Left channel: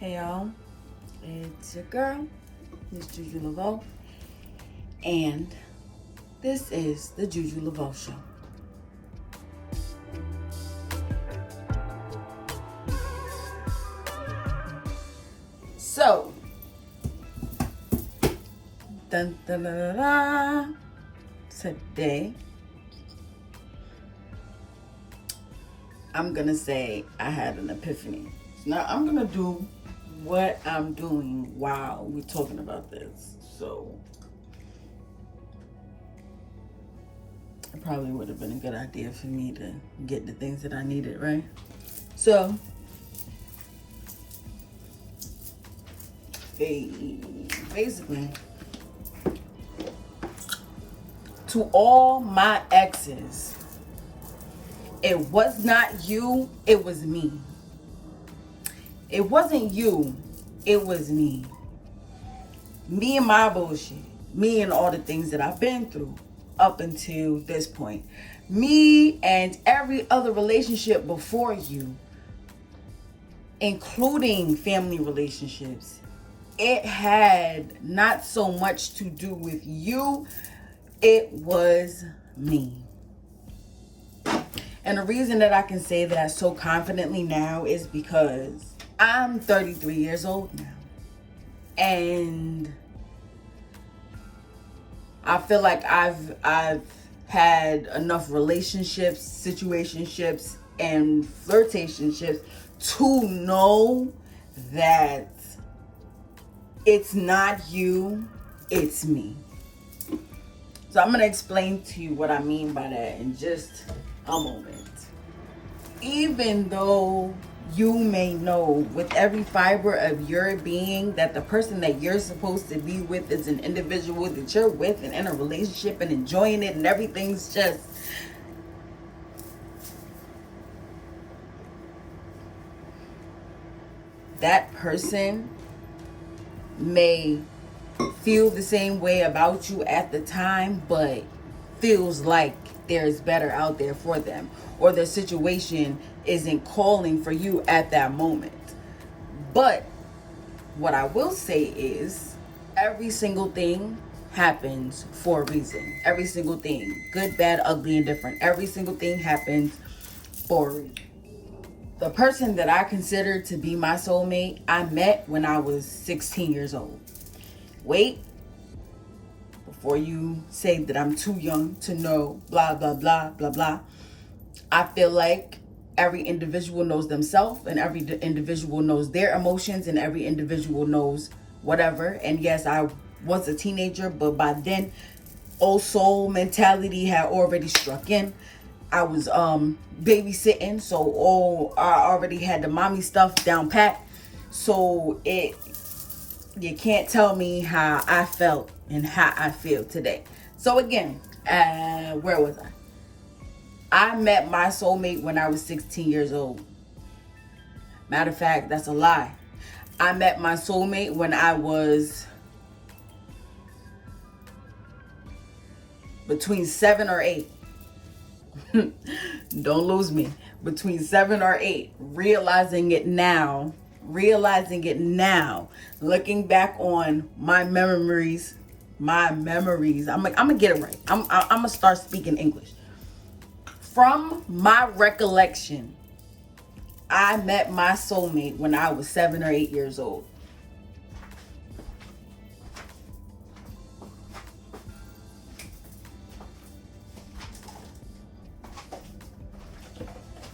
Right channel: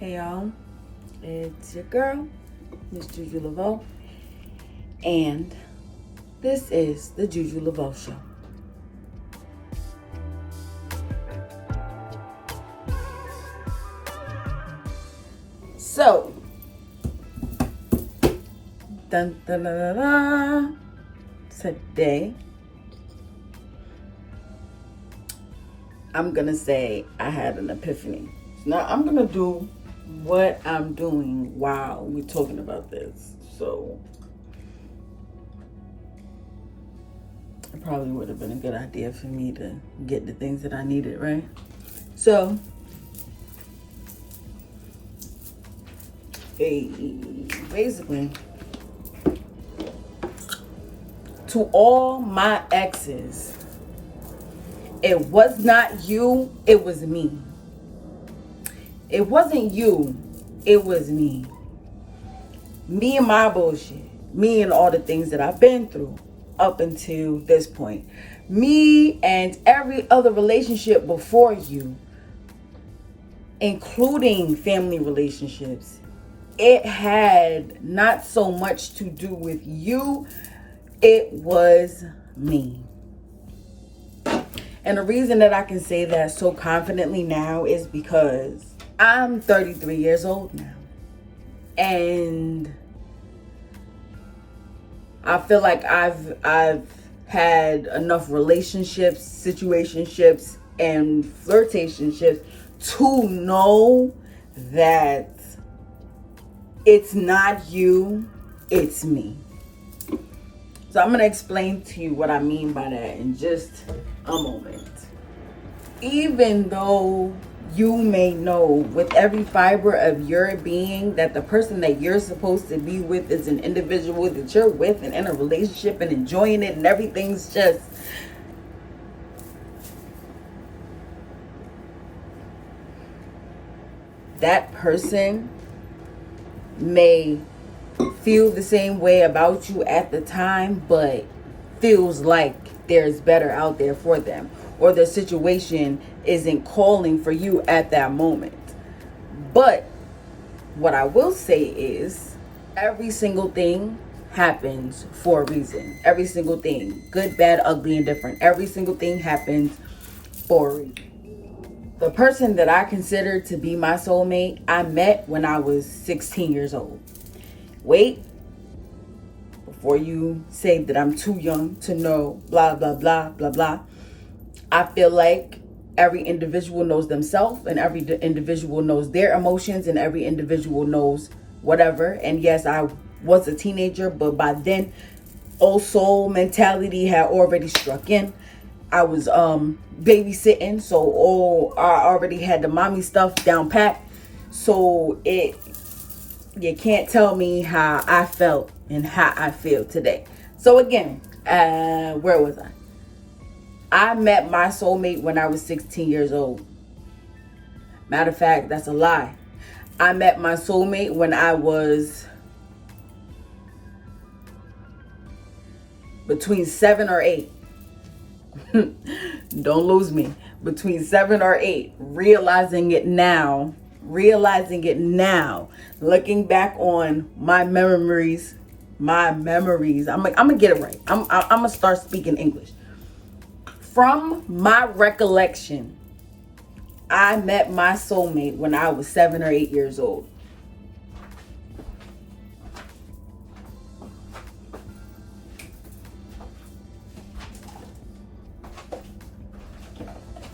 Hey y'all, it's your girl, Miss Juju Laveau, and this is the Juju Laveau Show. So, today, I'm gonna say I had an epiphany. Now, I'm gonna do what I'm doing while we're talking about this. So it probably would have been a good idea for me to get the things that I needed, right? So basically, to all my exes, it was not you, it was me. It wasn't you, it was me. Me and my bullshit. Me and all the things that I've been through up until this point. Me and every other relationship before you, including family relationships. It had not so much to do with you, it was me. And the reason that I can say that so confidently now is because I'm 33 years old now. And I feel like I've had enough relationships, situationships, and flirtationships to know that it's not you, it's me. So I'm going to explain to you what I mean by that in just a moment. Even though you may know with every fiber of your being that the person that you're supposed to be with is an individual that you're with and in a relationship and enjoying it and everything's just that person may feel the same way about you at the time, but feels like there's better out there for them, or their situation isn't calling for you at that moment. But what I will say is every single thing happens for a reason. Every single thing, good, bad, ugly, and different. Every single thing happens for a reason. The person that I consider to be my soulmate, I met when I was 16 years old. Wait, before you say that I'm too young to know blah, blah, blah, blah, blah. I feel like every individual knows themselves and every individual knows their emotions and every individual knows whatever. And yes, I was a teenager, but by then, old soul mentality had already struck in. I was babysitting, so I already had the mommy stuff down pat. So you can't tell me how I felt and how I feel today. So again, where was I? I met my soulmate when I was 16 years old. Matter of fact, that's a lie. I met my soulmate when I was between 7 or 8. Don't lose me. Between 7 or 8. Realizing it now. Looking back on my memories. I'm gonna get it right. I'm gonna start speaking English. From my recollection, I met my soulmate when I was 7 or 8 years old.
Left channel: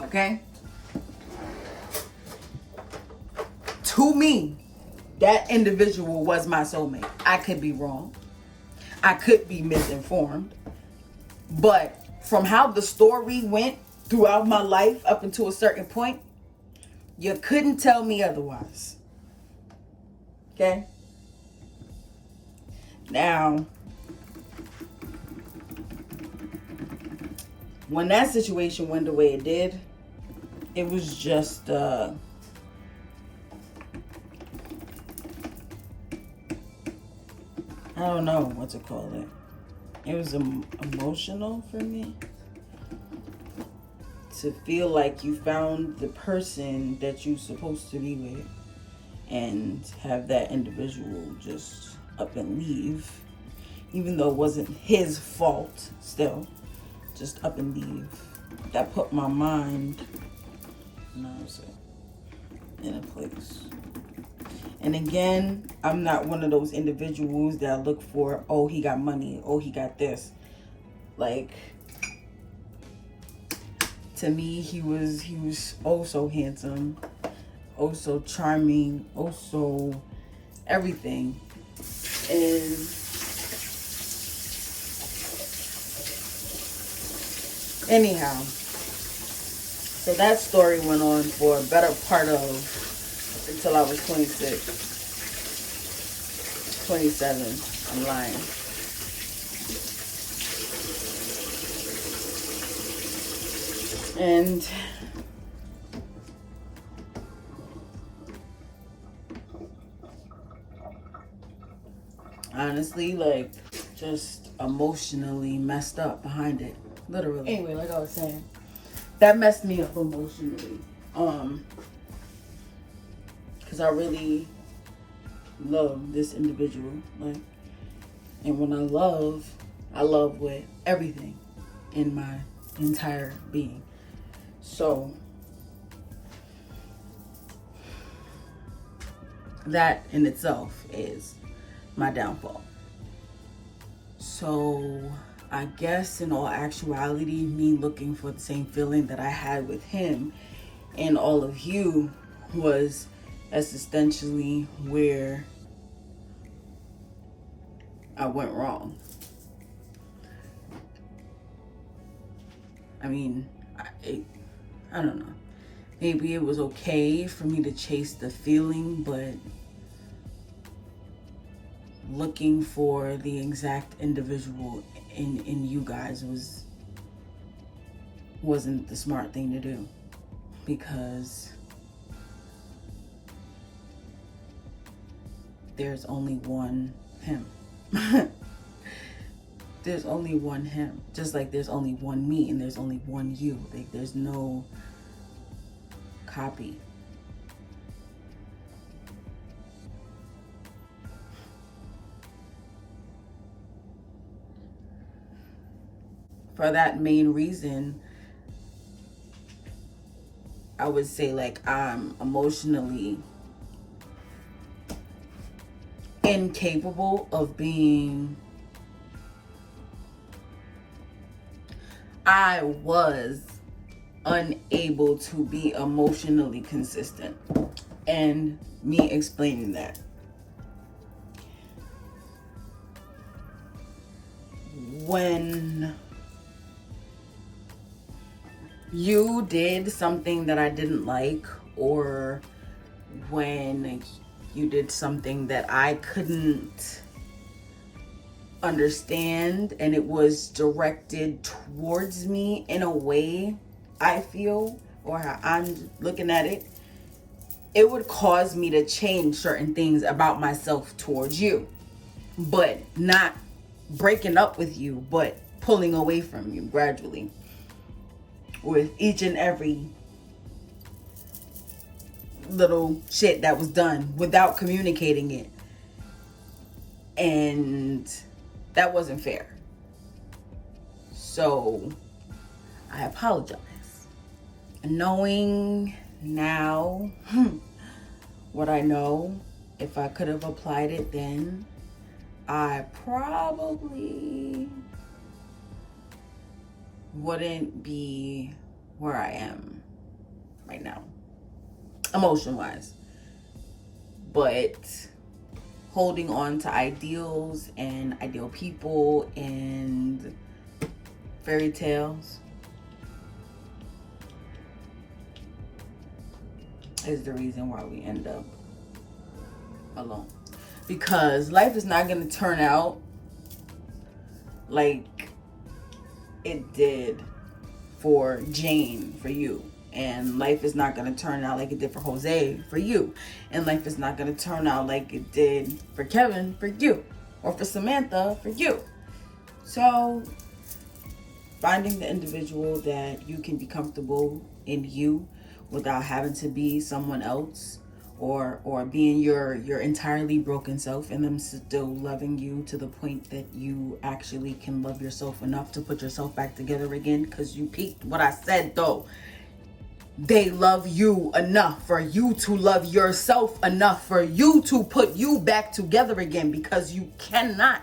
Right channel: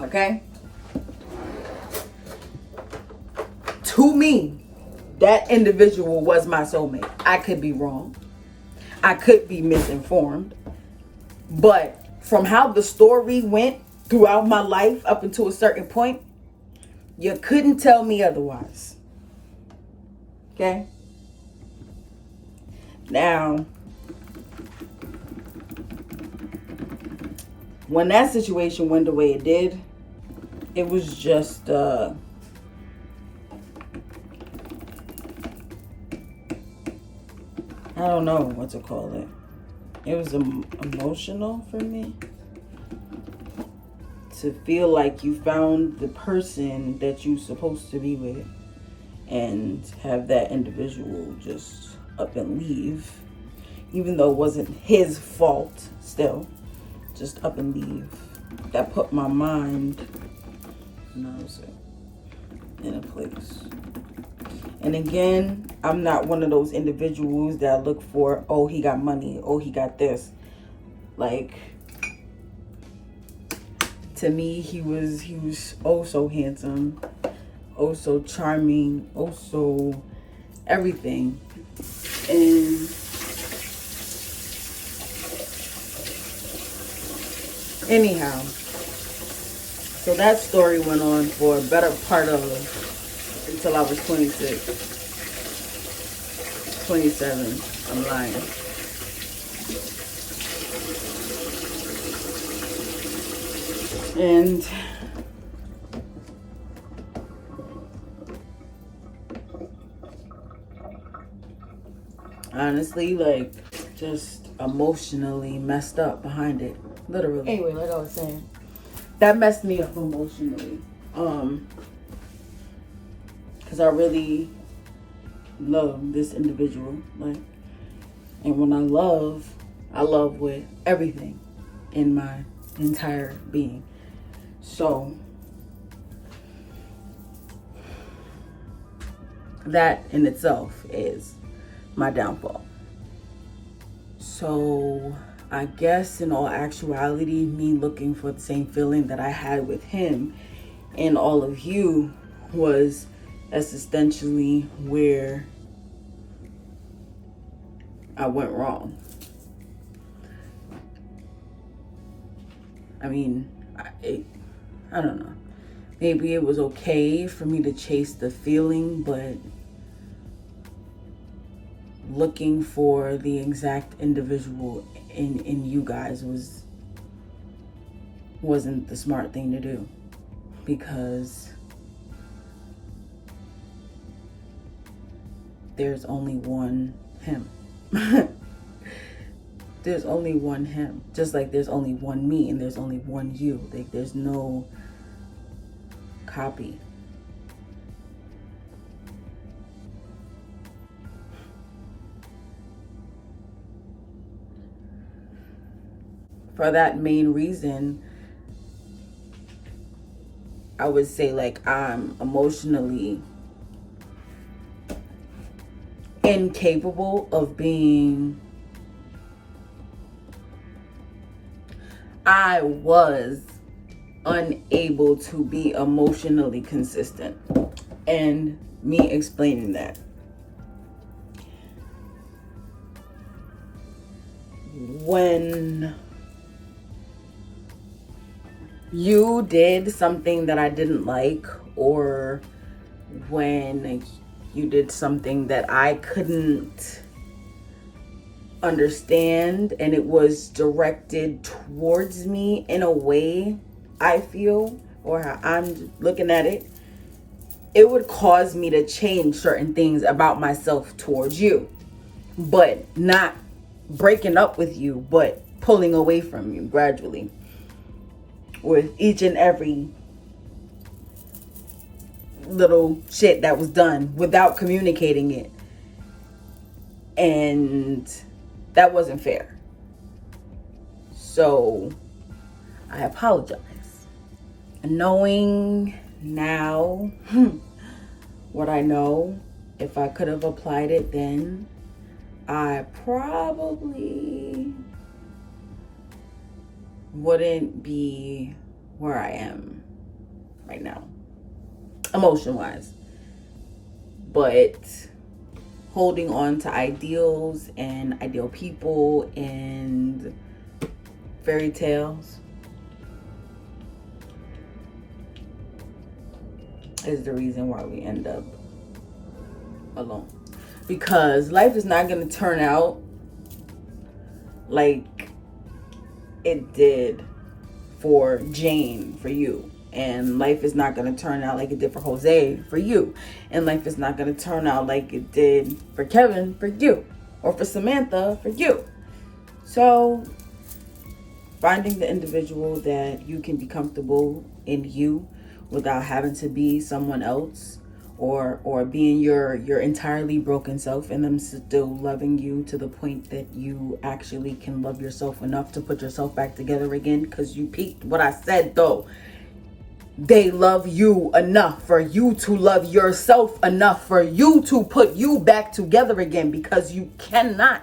Okay? To me, that individual was my soulmate. I could be wrong. I could be misinformed. But from how the story went throughout my life up until a certain point, you couldn't tell me otherwise. Okay? Now, when that situation went the way it did, it was just I don't know what to call it. It was emotional for me to feel like you found the person that you're supposed to be with and have that individual just up and leave, even though it wasn't his fault, still just up and leave. That put my mind, in a place. And again, I'm not one of those individuals that look for, oh, he got money, oh, he got this. Like, to me, he was oh so handsome, oh so charming, oh so everything. And anyhow, so that story went on for a better part of, until I was 26, 27. I'm lying. And honestly, like, just emotionally messed up behind it, literally. Anyway, like I was saying, that messed me up emotionally, because I really love this individual, like, and when I love with everything in my entire being. So that in itself is my downfall. So I guess in all actuality, me looking for the same feeling that I had with him and all of you was essentially where I went wrong. I mean, I don't know. Maybe it was okay for me to chase the feeling, but looking for the exact individual in you guys wasn't the smart thing to do, because there's only one him. There's only one him, just like there's only one me and there's only one you. Like, there's no copy. For that main reason, I would say, like, I'm emotionally incapable of being, I was unable to be emotionally consistent. And me explaining that, when you did something that I didn't like, or when you did something that I couldn't understand and it was directed towards me in a way I feel, or how I'm looking at it, it would cause me to change certain things about myself towards you, but not breaking up with you, but pulling away from you gradually with each and every little shit that was done without communicating it. And that wasn't fair. So I apologize. Knowing now what I know, if I could have applied it then, I probably wouldn't be where I am right now, emotion-wise. But holding on to ideals and ideal people and fairy tales is the reason why we end up alone. Because life is not going to turn out like it did for Jane, for you. And life is not going to turn out like it did for Jose, for you. And life is not going to turn out like it did for Kevin, for you. Or for Samantha, for you. So finding the individual that you can be comfortable in you without having to be someone else, or being your entirely broken self, and them still loving you to the point that you actually can love yourself enough to put yourself back together again. Because you peaked what I said though. They love you enough for you to love yourself enough for you to put you back together again, because you cannot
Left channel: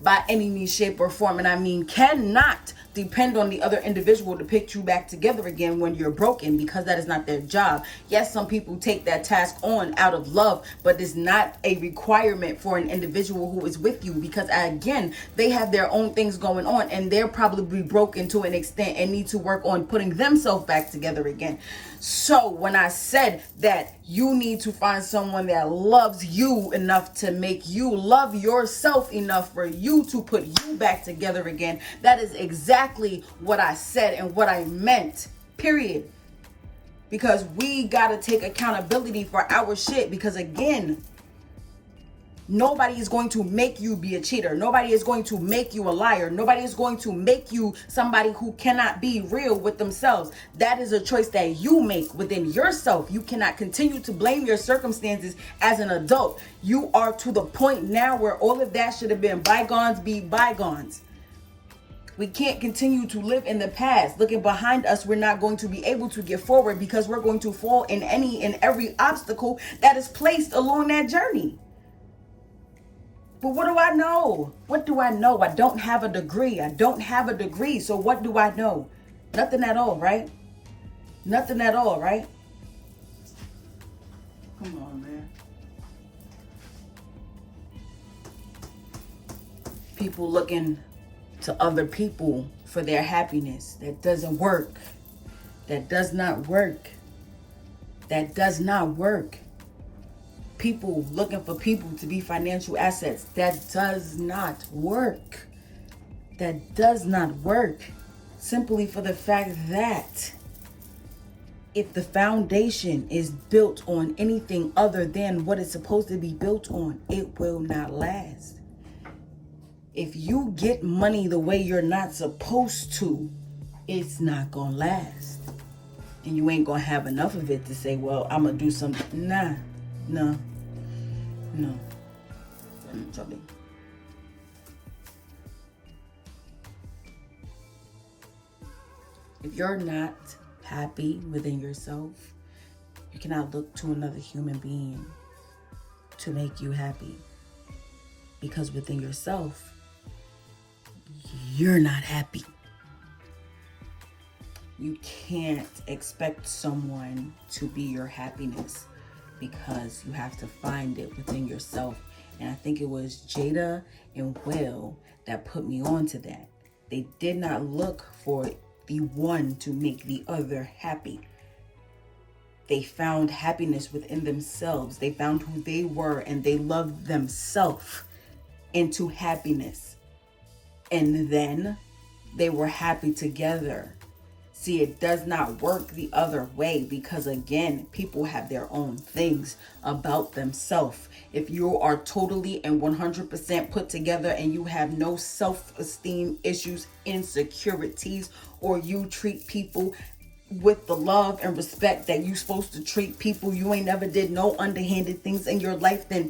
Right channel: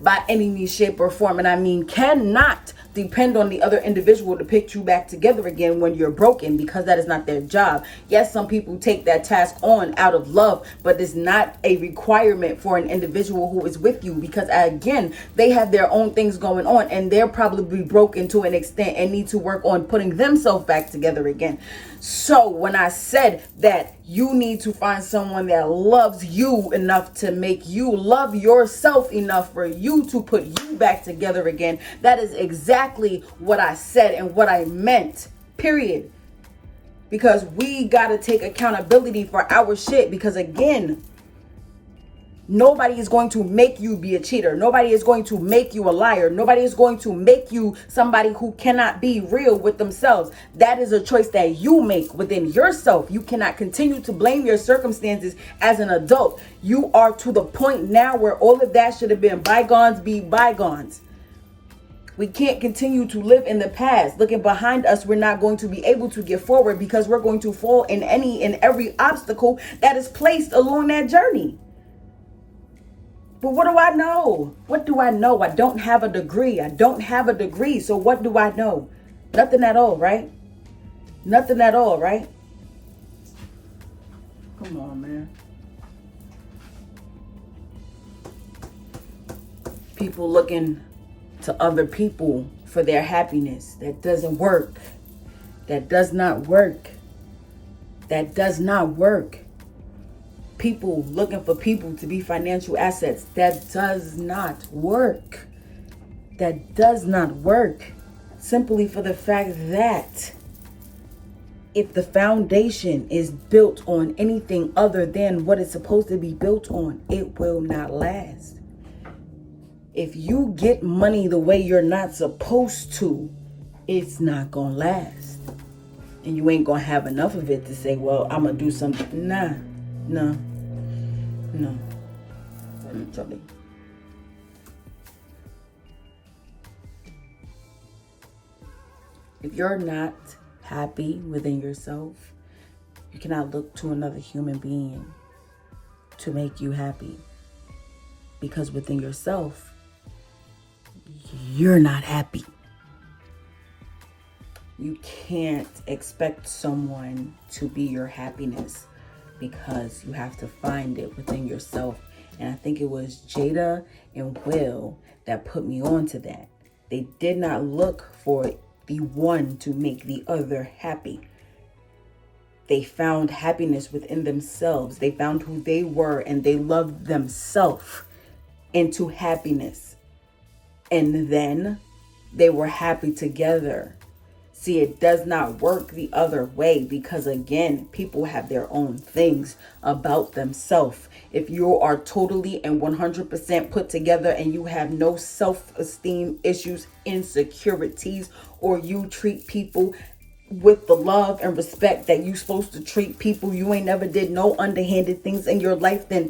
by any means, shape, or form, and I mean cannot, depend on the other individual to pick you back together again when you're broken, because that is not their job. Yes, some people take that task on out of love, but it's not a requirement for an individual who is with you, because again, they have their own things going on, and they're probably broken to an extent and need to work on putting themselves back together again. So when I said that you need to find someone that loves you enough to make you love yourself enough for you to put you back together again, that is exactly what I said and what I meant, period. Because we got to take accountability for our shit, because again, nobody is going to make you be a cheater. Nobody is going to make you a liar. Nobody is going to make you somebody who cannot be real with themselves. That is a choice that you make within yourself. You cannot continue to blame your circumstances as an adult. You are to the point now where all of that should have been bygones be bygones. We can't continue to live in the past. Looking behind us, we're not going to be able to get forward, because we're going to fall in any and every obstacle that is placed along that journey. But what do I know? What do I know? I don't have a degree. So what do I know? Nothing at all, right? Nothing at all, right? Come on, man. People looking to other people for their happiness. That doesn't work. That does not work. That does not work. People looking for people to be financial assets. That does not work. That does not work. Simply for the fact that if the foundation is built on anything other than what it's supposed to be built on, it will not last. If you get money the way you're not supposed to, it's not gonna last. And you ain't gonna have enough of it to say, well, I'm gonna do something. Nah. No. I'm telling you. If you're not happy within yourself, you cannot look to another human being to make you happy. Because within yourself, you're not happy. You can't expect someone to be your happiness, because you have to find it within yourself. And I think it was Jada and Will that put me on to that. They did not look for the one to make the other happy. They found happiness within themselves. They found who they were, and they loved themselves into happiness. And then they were happy together. See, it does not work the other way, because again, people have their own things about themselves. If you are totally and 100% put together and you have no self-esteem issues, insecurities, or you treat people with the love and respect that you're supposed to treat people, you ain't never did no underhanded things in your life, then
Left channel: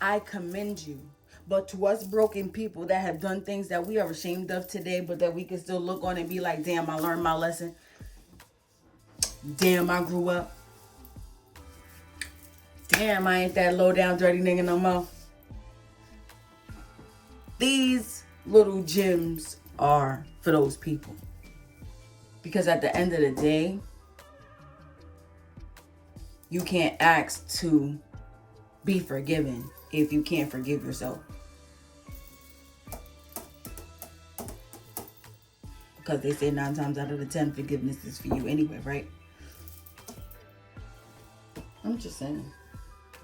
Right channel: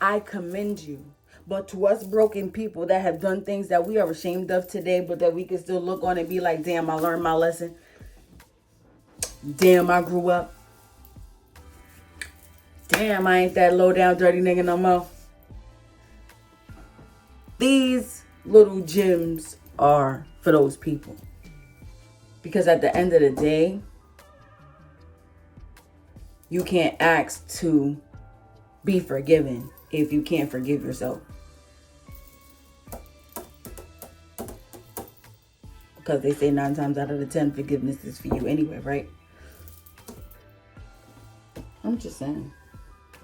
I commend you. But to us broken people that have done things that we are ashamed of today, but that we can still look on and be like, damn, I learned my lesson. Damn, I grew up. Damn, I ain't that low down dirty nigga no more. These little gems are for those people. Because at the end of the day, you can't ask to be forgiven if you can't forgive yourself. Because they say 9 times out of the 10, forgiveness is for you anyway, right? I'm just saying.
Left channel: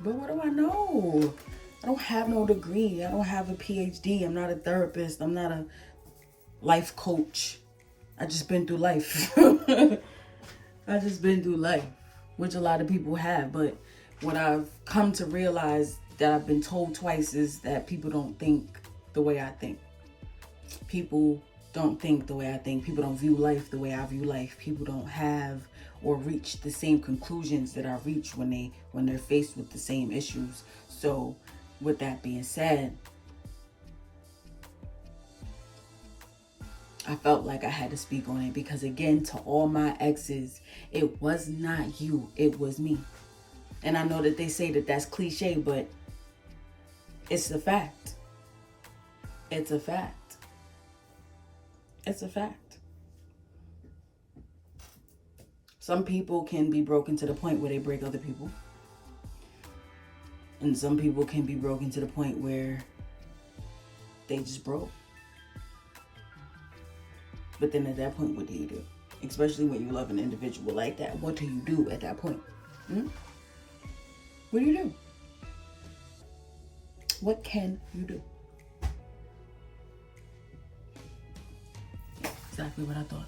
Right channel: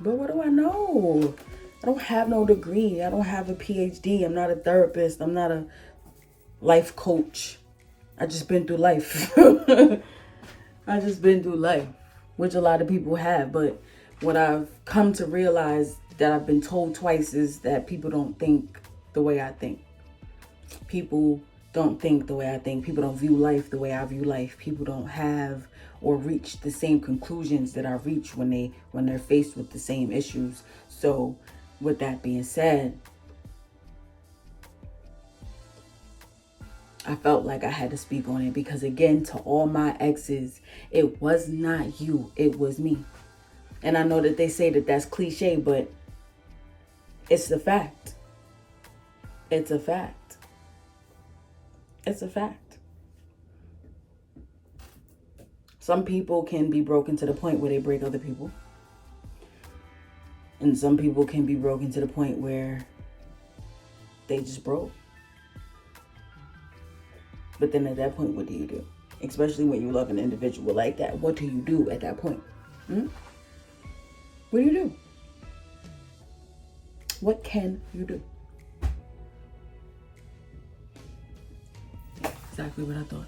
But what do I know? I don't have no degree. I don't have a PhD. I'm not a therapist. I'm not a life coach. I just been through life. I just been through life, which a lot of people have. But what I've come to realize that I've been told twice is that people don't think the way I think. People don't think the way I think. People don't view life the way I view life. People don't have or reach the same conclusions that I reach when they're faced with the same issues. So with that being said, I felt like I had to speak on it, because again, to all my exes, it was not you, it was me. And I know that they say that that's cliche, but it's a fact. It's a fact. It's a fact. Some people can be broken to the point where they break other people. And some people can be broken to the point where they just broke. But then at that point, what do you do? Especially when you love an individual like that. What do you do at that point? What do you do? What can you do? Exactly what I thought.